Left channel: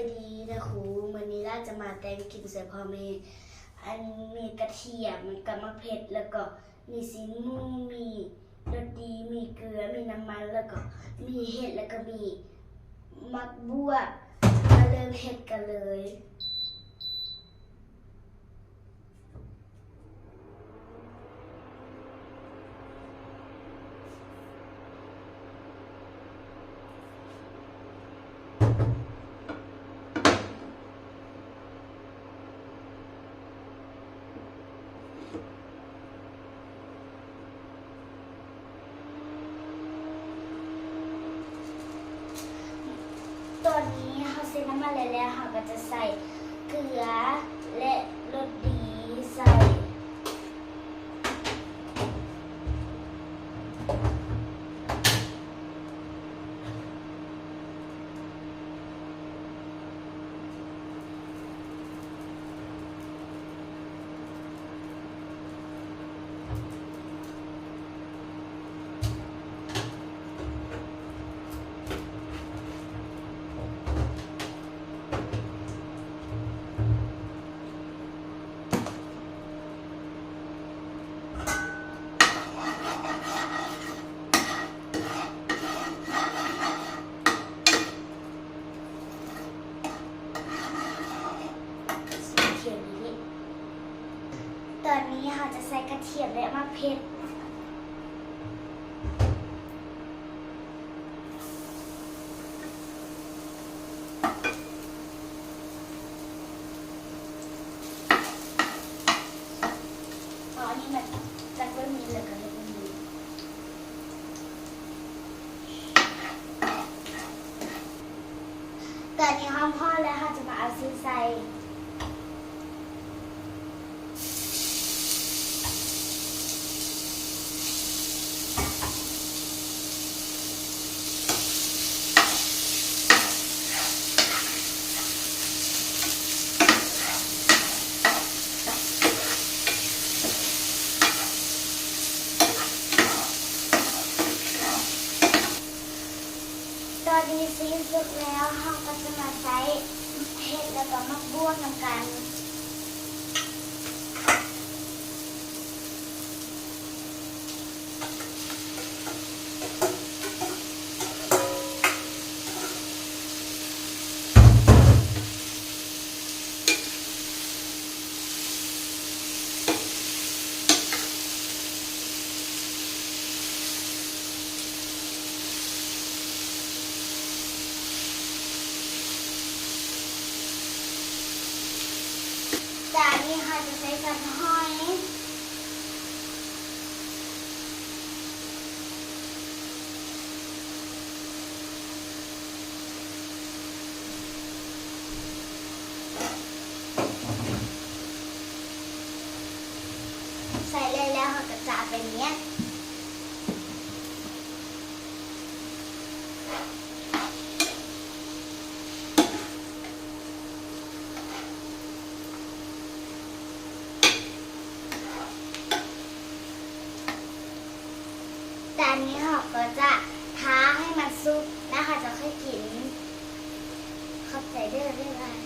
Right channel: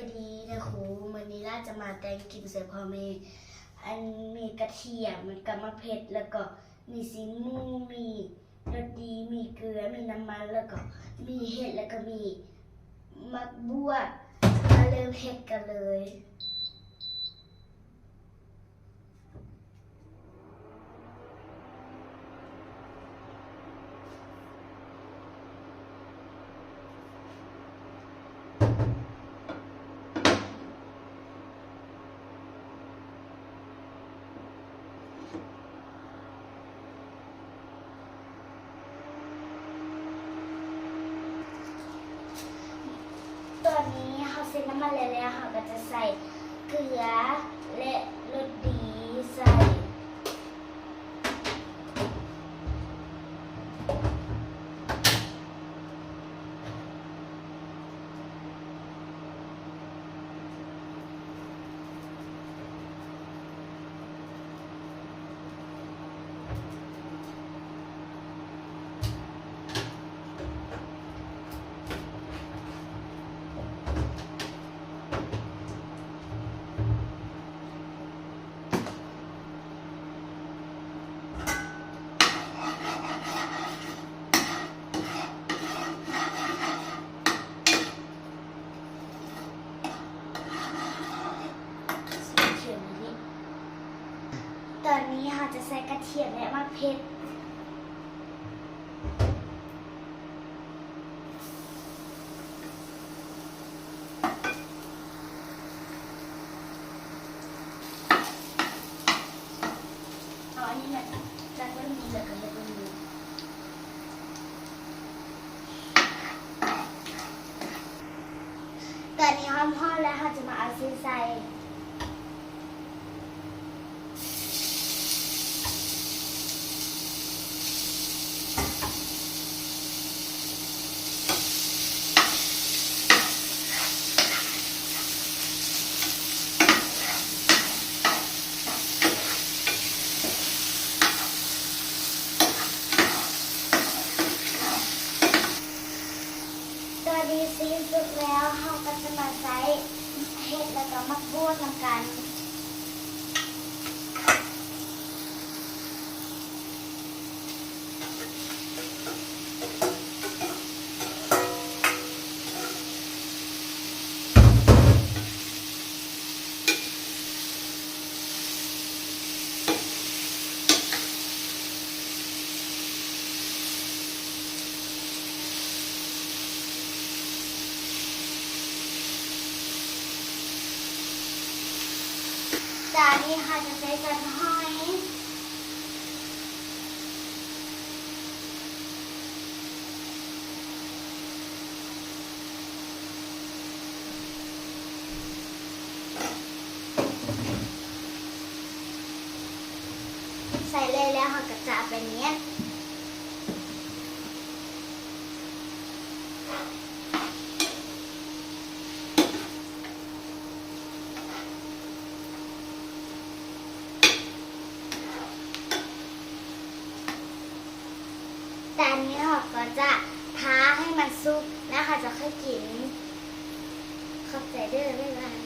วัสดีนะครูมื้อนี้ล่าจะมาแต่งกินใส่พ่อแม่อันมีกระเทียมกับมะเผ็ดแล้วก็มีซีนหมูมีรสดีมีเกลือมีน้ำมันแล้วก็มีเห็ดแล้วก็มีมักบัวมาเริ่มเห็ดกันเลยตอนนี้เขาเซ็นน้ำมันแล้วเขาก็จะใส่เกลือและรสดีใส่ตอนนี้เราจะใส่กระเทียมและมะเขืออันนี้มันจะต้นนี้แล้วก็ต้นนี้ตอนนี้หอมพอแล้วเราจะมาเอาซีใส่ตอนนี้ซีสุกแล้วเราก็จะมาใส่เห็ดแล้วก็มักบวกน้ำกันจานนี้ค่ะจะใช้กระหอยใส่เลยแล้วค่ะกระจาดแบบนี้จานนี้ค่ะก็จะท้าให้มันซุปแล้วค่ะจะค่อยกินขอบใจด้วยบ๊ายบาย